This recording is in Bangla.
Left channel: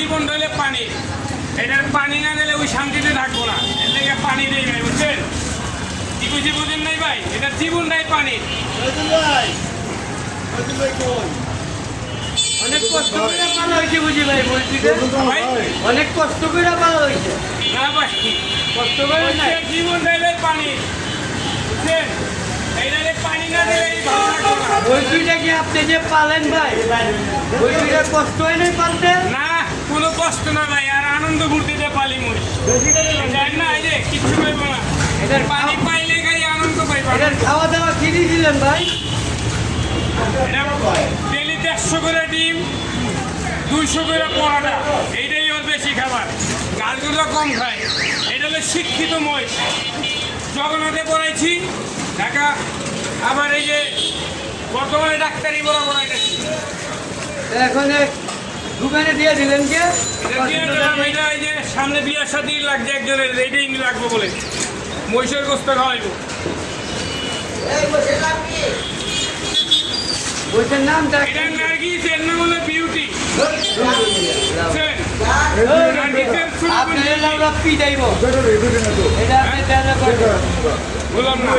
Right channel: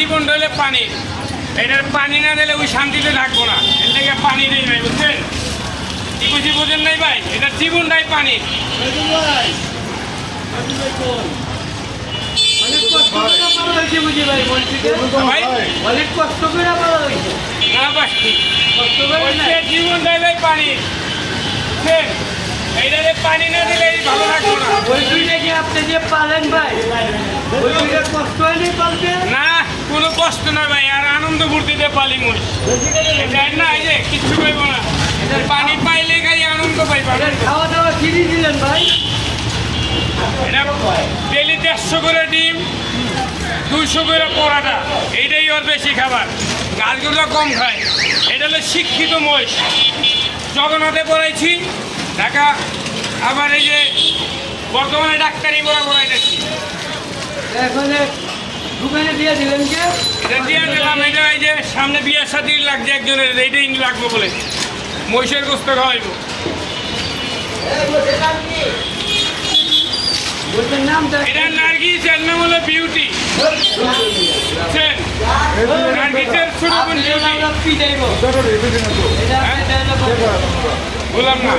জীবন রইলে পানি। এটার পানি না দিলে ওই শান্তিতে থাকবো না। এর থেকে পানি নেই ভাই, বুঝছেন? কি বুঝেন নাই ভাই? এটার জীবনটাই পানি। অনেক কষ্ট করে পালা হয়েছে বুঝি ভাই, ভাই অনেক কষ্ট করে পালা হয়েছে। না ভাই, কষ্ট করে না, জীবনটাই ভাই পানি, বুঝছেন? এইটাতে পানি না দিলে ভালো থাকবো না। ওই দুইটা কি আপনি যে পালেন ভাই, ওই দুইটা কষ্ট হয় না পালতে? না, কোনো কষ্ট না ভাই, আর আনন্দ ফুর্তিতে পালি মুই। জানেন না, এই যে কিচ্ছু পাইব না, এটার পানি পাইলে খালি আনন্দ পাইবা। এর খাওয়া দাওয়া কিনে দিলেন ভাই? এটা ডেলি 150 করে ডিম, 200 করে পরাটা, এইটাই ওর বেশি খাবার। গাছগুলো কম খায়। এটা হলো শিক্ষিত মহিষ। জগন্নাথে পড়াইছি ঢাকা, আবার এই যে বর্তমানে ডাক্তারি পড়াইতেছি। এখন দোকানে দিয়ে দিলেন কে? এটা দিয়ে দিলাম। এটা এই যে সামনে বিয়ের সাথে লাগছে একজনের, এইটাই লাগবে বলে মহিষের গোস্ত খাওয়াইব। বলছেন নামটা? এটা নার্গিস, এর নাম হলো বিউটি। বুঝছেন? নার্গিসের ছোট বোন বিউটি। আমরা পিটাইব। এটা আপনি দেন না। বললাম না।